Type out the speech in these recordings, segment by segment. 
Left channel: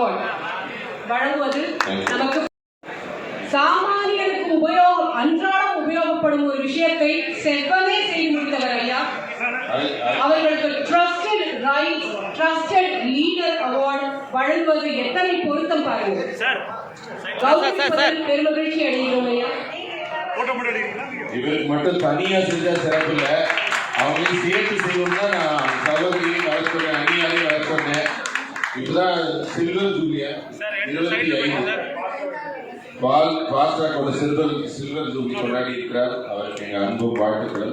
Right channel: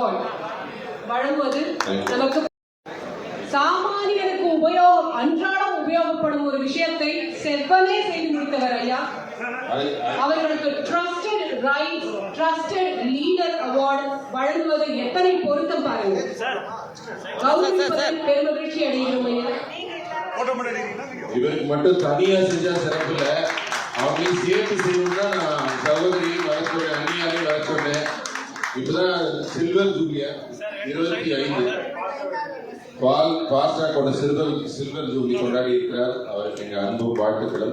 Award வழங்குவது நமக்கு சாமானியருக்கு அன்றாடம் உபயோகப்படும் ஒரு விஷயத்தை செவ்வனே செய்து முடித்தவர் ஐயா. அவர்களுக்கு ட்ரஸ்டட் லீடர் அவார்டு வழங்குவது எத்தனை பொருத்தம் பாருங்க. பெருமகிழ்ச்சி அடைகிறோம் ஐயா. இவருக்கு மட்டும் தனியா செஞ்சா சிறப்புல அவங்களையும் சேர்த்து செய்யணும்னா நான் சகோதரியை வளர்த்துறேன், அந்நியாரையும் வளர்த்துறேன். இப்பதான் சில்வர் ஜூலியா 25 பாஸ்டாக்கோட சில்வர் ஜூலி கொண்டாடி இருக்கிறார். அவருக்கு எங்க அன்பு வாழ்த்துக்கள்.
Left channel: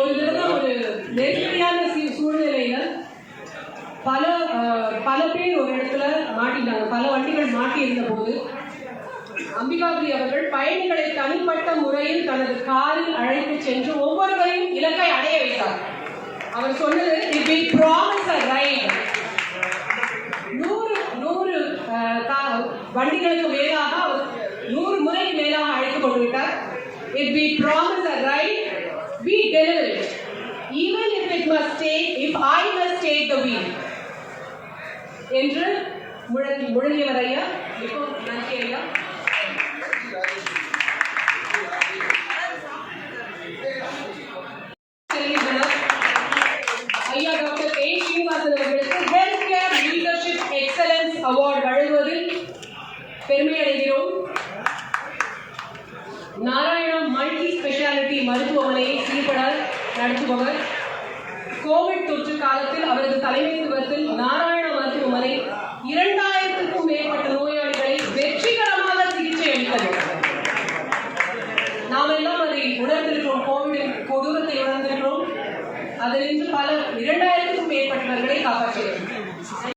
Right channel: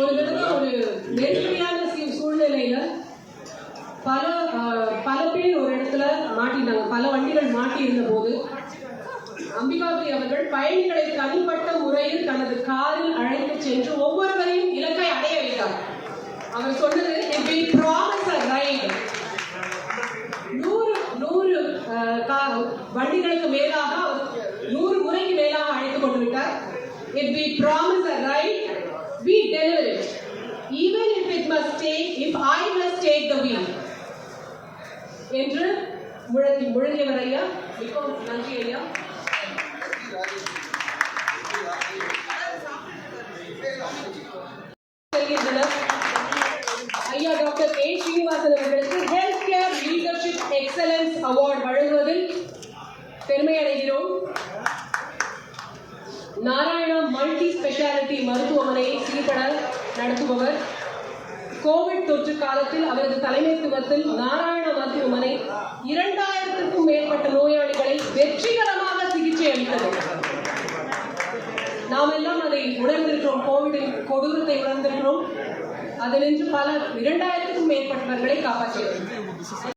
ஒரு நெருக்கடியான சூழ்நிலையில பல பேர் ஒரு இடத்துல மாட்டினாங்க. பல வண்டிகள் மாட்டி இருந்த போது அம்பிகாபுரி அவர்கள் பயணிகளை தனிப்பட்ட முறையில் தனது காரில் அழைத்து சென்று ஒவ்வொருவரையும் இலக்கை அடைய வைத்தார். அவர் சொன்னது, வண்டிகளுக்கு மேலாக 100 முறைக்கு மேலாக அழைத்து கொண்டு விட்டார். If we promise a ride, we deliver it. Even if I must take the wheel. என்று முழங்கியவர் ஐயா. மிகவும் நன்றி ஐயா. ஐயா டாக்டர் ஏ ஸ்ரீனிவாசன் அவர்களுக்கு health care leadership excellence award வழங்குவதில் பெருமை அடைகிறோம். நாராயணா மல்டி ஸ்பெஷாலிட்டி மருத்துவமனையை சீர்பட நடத்துபவர். கோவிட் தொற்று காலத்தில் அவரது தலைமைத்துவத்தில் நாராயணா மருத்துவமனை 2000க்கும் மேற்பட்ட நோயாளிகளை வெற்றிகரமாக சிகிச்சை அளித்தது. நாம் எல்லாம் அதை உணர்ந்திருக்கிறோம். கோவிடின் கொடூரத்தை உணர்ந்திருக்கிறோம். அதிலிருந்து 2000க்கும் மேற்பட்டவர்களை காப்பாற்றியது.